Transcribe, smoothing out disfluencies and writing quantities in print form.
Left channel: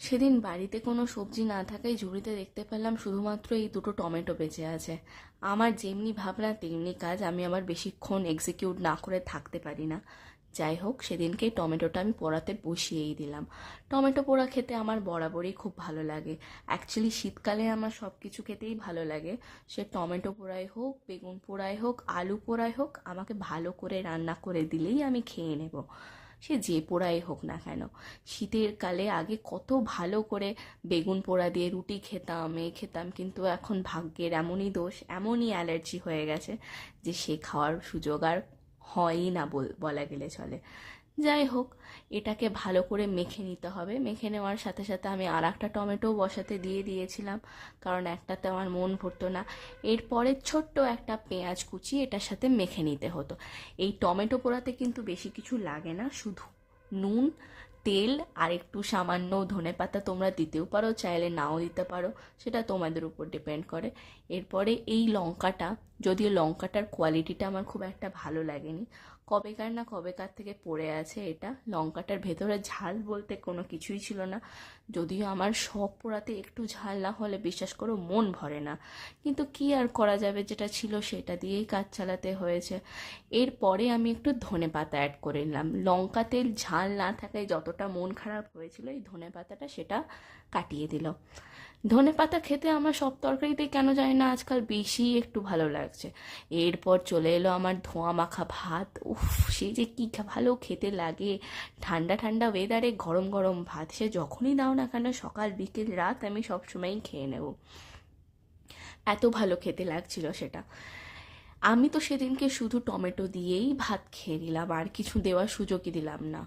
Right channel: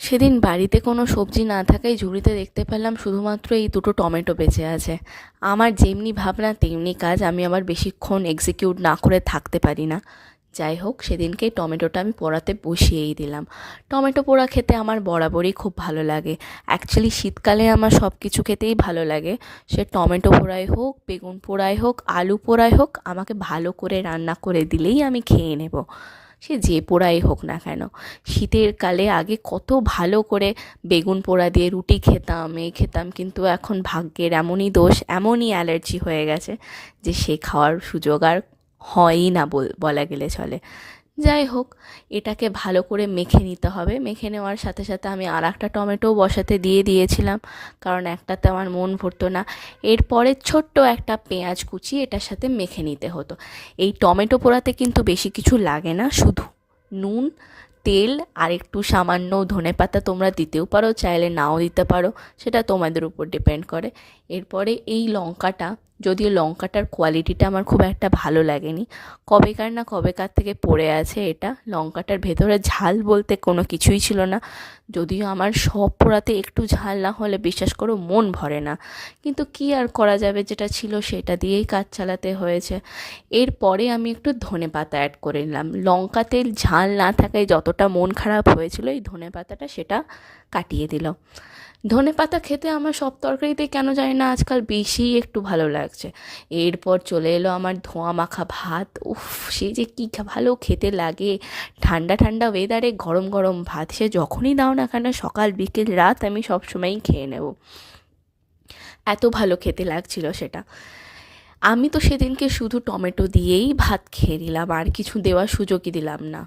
সেদিন বাড়িতে কোনো সবজি না থাকায় ঝুড়িতে দেখতে পেলাম শুধুমাত্র এই দুটো টমেটো বেঁচে আছে। আমার যেমনি ভাবনা তেমনি কাজ, আমি আবার বেশিক্ষণ এক্সিকিউট না করে থাকতে পারি না। যাই হোক, সেদিনকে টমেটোটা আমি পোড়াতে বসিয়েই দিলাম। টমেটো পোড়া খেতে আমার বরাবরই খুব ভালো লাগে। অ্যাকচুয়ালি শীতকালে আমার সব কিছু খেতেই ভালো লাগে। সে টমেটো পোড়াই হোক, বেগুন পোড়াই হোক, আলু পোড়াই হোক, আমাকে ভালো করে রান্না করে দিলেই আমি খেয়ে নেব। সে যে পোড়াই হোক না কেন। শীতের কালে আগে কত ভালো করে বেগুন পোড়া দিয়ে রুটি খেতাম, খেতাম, কিন্তু এখন ভাগ্যের এমনই দোষ, এমনই অ্যালার্জি হয়ে গেছে যে সে খাওয়ার সুযোগ আর হয়ই না বলা গেলে চলে। যাই হোক, এটাকে ভালো করে মেখে নিতে হবে। মেখে নেওয়ার সাথে সাথে আমি আর একটা টমেটো বসাতে দিয়েছিলাম, কারণ একটাতে আমার মন ভরতো না। এরপরে ছোট্ট একটা পেঁয়াজ কুচি এটার সাথে মেখে নিতে হতো। এই টমেটো পোড়াতে কিন্তু বেশি কিছু লাগে না, শুধু নুন, তেল আর একটু সামান্য ধনেপাতা তোমরা দিতেও পারো, চাইলে নাও দিতে পারো, সেটা তোমাদের উপর ডিপেন্ড করে। এরপরে এই লঙ্কাটা, যদিও লঙ্কাটার কোয়ালিটিটা আমার খুব একটা ভালো লাগেনি, কবেকার থেকে পড়ে আছে এটা। লঙ্কাটার ভেতরে ঝাল বলতে কোনো কিছুই ছিল না। যদিও আমার সব পোড়াতে একটু ঝাল না হলে বিশ্বাস করো মন ভরে না, কিন্তু কি আর করা যাবে, যেটা ছিল সেটা দিয়েই কাজ চালাতে হয়েছে। এরপরে আমি একটু ধনেপাতা অ্যাড করে নিলাম। লঙ্কাতে ঝাল না থাকায় যতটা মন খারাপ হয়েছিল, এই ধনেপাতাটা সেটা কাটিয়ে দিল। ধনেপাতা খেতে আমার সব তরকারিতে কেন জানি না আজকাল বেশি একটু ভালো লাগছে। এরপর চলে এলো আমার ধোঁয়া মাখা ভাত। উফ, সে যে কী ভালো খেতে লাগে! ঠান্ডা ঠান্ডা ওয়েদারে গরম গরম ভাত, সে যখনই দাও না কেন, সকাল বিকেল রাত, আমি সবসময়ই খেয়ে নেব। এত ভালো খেতে লাগছিল সেটা। আমি তো সেদিনকে শুধু টমেটো দিয়েই ভাত খেয়ে নিলাম, আর কিছু দেওয়ার সুযোগই দিলাম না।